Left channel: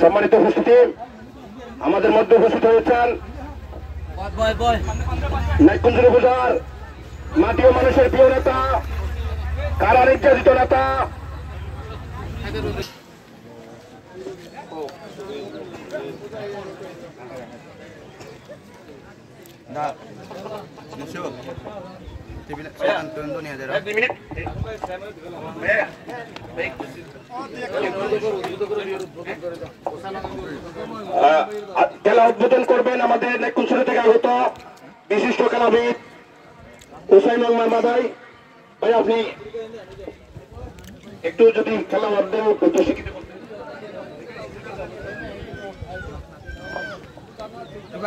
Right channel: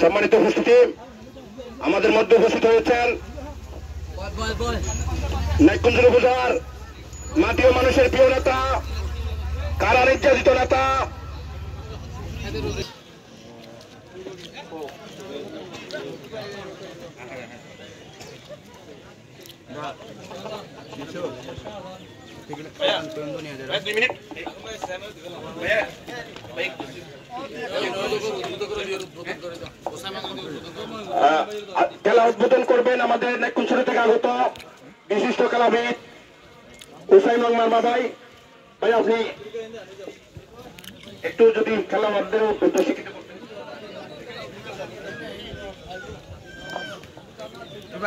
সম্মানিত উপস্থিতি, আমাদের মধ্যে উপস্থিত হয়েছেন নাইকুঞ্জ উপজেলার মাটি ও মানুষের প্রিয় নেতা, কারা নির্যাতিত নেতা খেলা উদ্বোধন করবেন আমাদের নাইকুঞ্জ থেকে আগত বিশিষ্ট খেলাবিদ হুসাইনুল মারমা ভাই। ভাই আপনি একটু যদি খেলোয়াড়দের প্রশিক্ষিত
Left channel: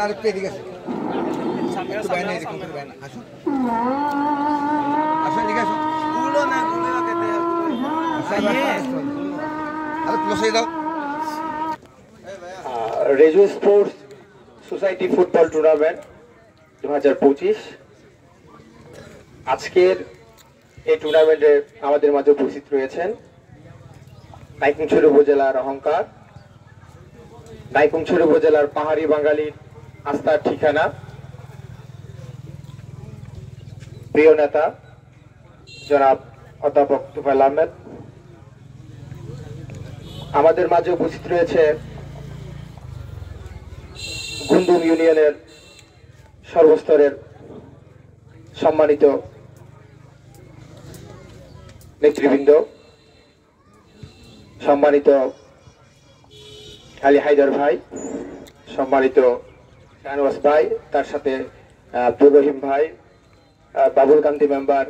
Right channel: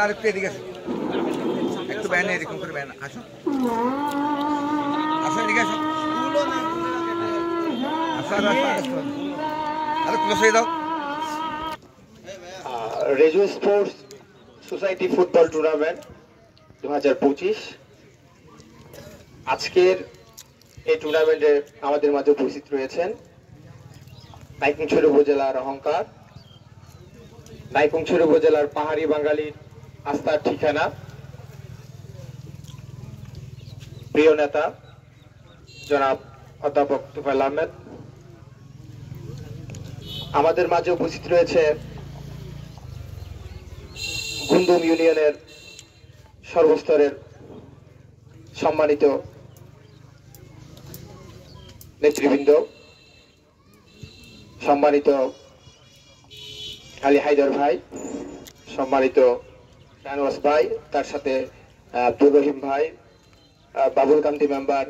আরেকটু এদিকে একটু ব্যান এরকম করে ব্যান আসুন আসুন এদিকে আসুন রেজু স্পোর্টস সোসাইটি ফুটবল টুর্নামেন্ট 2025 আজকের এই টুর্নামেন্টে আমাদের মাঝে উপস্থিত রয়েছেন নাইকুঞ্জ উপজেলার অহংকার, নাইকুঞ্জ উপজেলার পাহাড়ি বাঙালির আস্থার ঠিকানা, প্রিয় নেতা জনাব অধ্যাপক তুফাইল আহমেদ। আমাদের মাঝে উপস্থিত রয়েছে গুন্দুম ইউনিয়নের সর্বস্তরের সম্মানিত নেতৃবৃন্দ, সম্মানিত আলী হায়দার ভাই, সম্মানিত শাহনওয়াজ ভাই, তার সাথে আব্দুর রহিম ভাই, বাবুল কান্তি মেম্বার,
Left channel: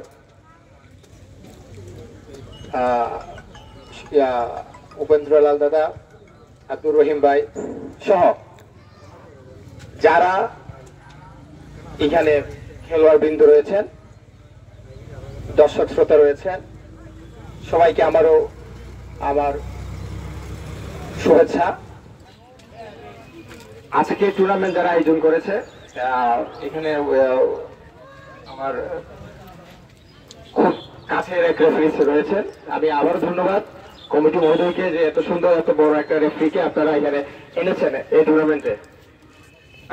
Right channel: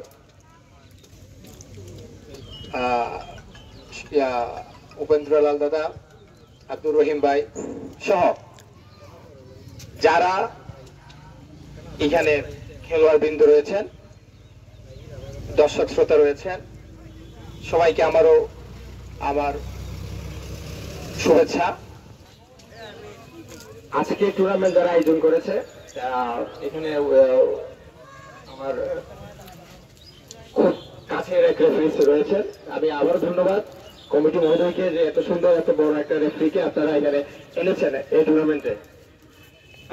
উপেন্দ্রলাল দাদা, আব্দুর রহিম ভাই সহ যারা এখানে খেলোয়াড় বৃন্দ রয়েছেন, দর্শক শ্রোতা রয়েছেন, সবাইকে আমার শুভেচ্ছা। আজকে টুর্নামেন্ট যারা আয়োজন করেছে এখানে আমার খুব কাছের এক রেফারি রয়েছেন। আমি আবারও ধন্যবাদ কমিটি মহোদয়কে যে এত সুন্দর এত বড় একটা রেফারিকে আপনারা এখানে এনেছেন এই টুর্নামেন্টে।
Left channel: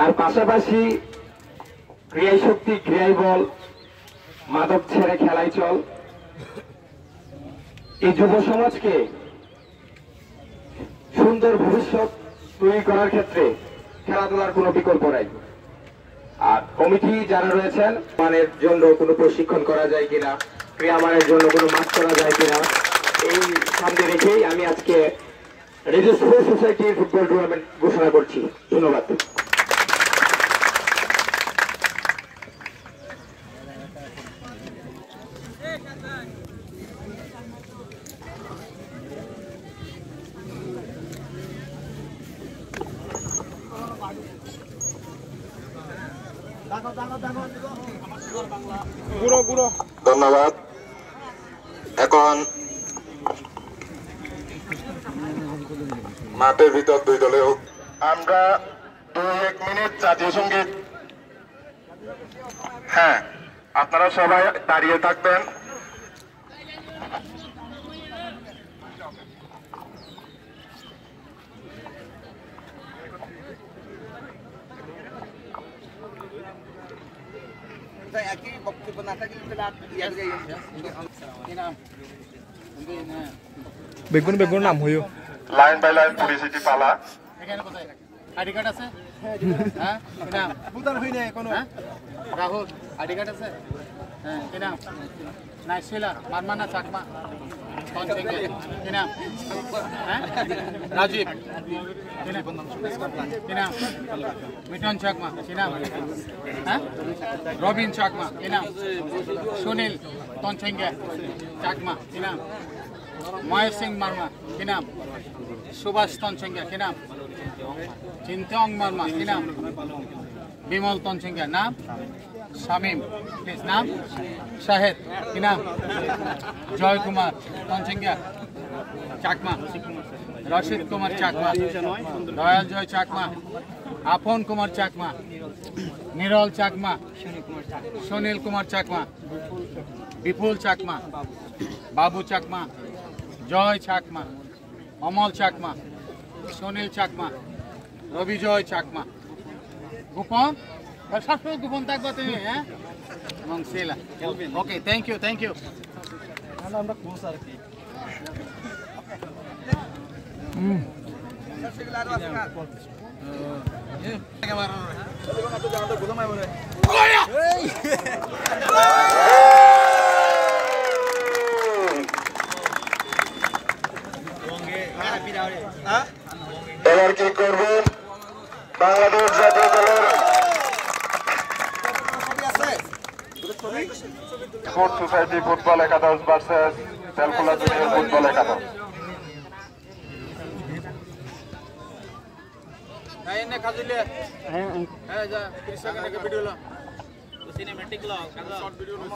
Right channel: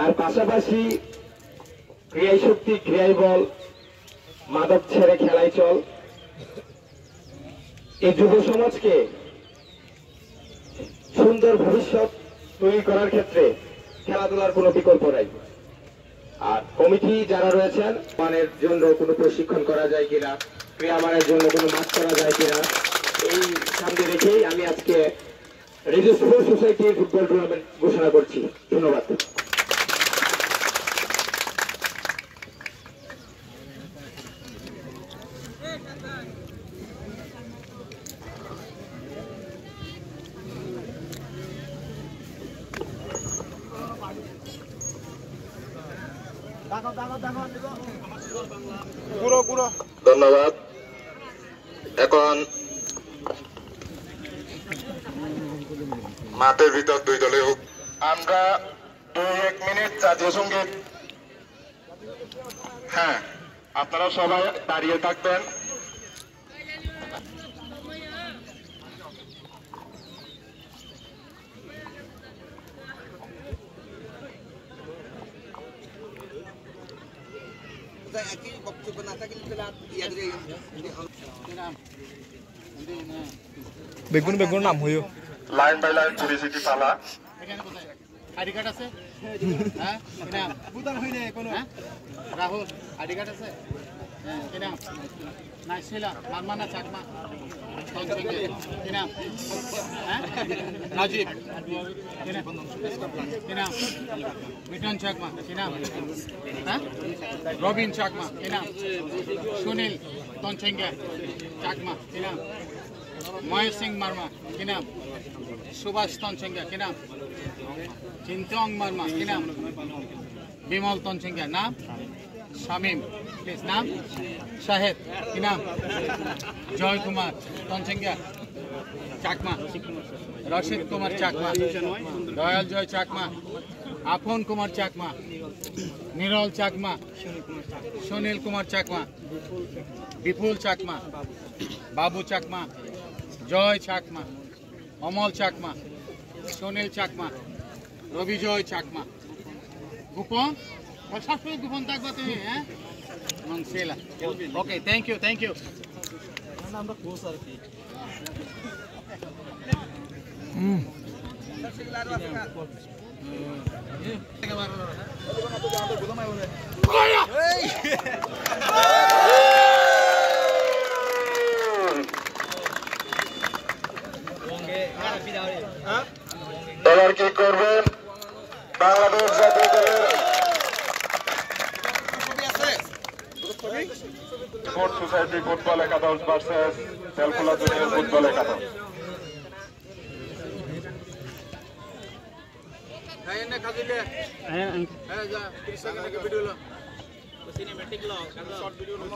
আর পাশাপাশি ক্রিয়াই শক্তি, ক্রিয়াই বল, মাদক ছেড়ে খেলাই চল, এই যুব সমাজকে সুন্দর ভবিষ্যৎ তৈরি করার ক্ষেত্রে খেলাধুলার কোনো বিকল্প নাই। আর কমিটি যারা রয়েছেন, মানের জন্য কোনো প্রশিক্ষণ করা যায় কিনা, ক্রিয়া মানের জন্য কোনো মাঠ করা যায় কিনা, এই সামনে রেখেই আমি আজকে রেজু স্পোর্টস সোসাইটির ফুটবল টুর্নামেন্ট ঘোষণা করছি। ধন্যবাদ। ধন্যবাদ। এখন মাঠের ভিতর দুই দলে আমরা 2-1 মিনিট জাতীয় সঙ্গীত। হ্যাঁ, আপনারা সবাই দাঁড়িয়ে থাকবেন। বেগুন বেগুন নাম হইও লাইন বাই লাইন পরিচিতি পালা। এখানে কোথায় আইডি কার্ড আছে? হ্যাঁ, কি নাম? বুদার হইলে কোন রাহুল আইডি কার্ড আছে? হ্যাঁ, কি নাম? নাইশিলা মারমানা চাকমা কি নাম? হ্যাঁ, রাজীব কি নাম? মিঠন চাকমা কি নাম? হ্যাঁ, রবিন চাকমা কি নাম? সুনীল তনচেঙ্গে চাকমা কি নাম? মহেশ সিং মার্মা কি নাম? সুভাষ তনচেঙ্গে কি নাম? চিন্তং মার্মা কি নাম? বিমল তনচেঙ্গে নাম? শামীম প্লিজ নাম? শাহেদ কি নাম? জয় কুমার তনচেঙ্গে চাকমা রশিদ কুমার চাকমা, দয়াল জয় চাকমা, আপন কুমার চাকমা, নিরল চাকমা, সুনীল কুমার চাকমা, বিপুল চাকমা, বাবু চাকমা, জয় চাকমা, অমল চাকমা, সুনীল চাকমা, রবিজয় চাকমা। গোপন সবসময় গোপন থাকবা তুমি, হ্যাঁ? এবং সেলা। ওকে, থ্যাংক ইউ, থ্যাংক ইউ। এবার কি করবে বাংলাদেশ জাতীয় দলের স্পোর্টস সোসাইটি ফুটবল একাদশ ভার্সেস তেলকুলা জুনিয়র ফুটবল একাদশ। Kain na kazile. Ayan, ja. Please, video lo. Cinematic lo. Short video lo.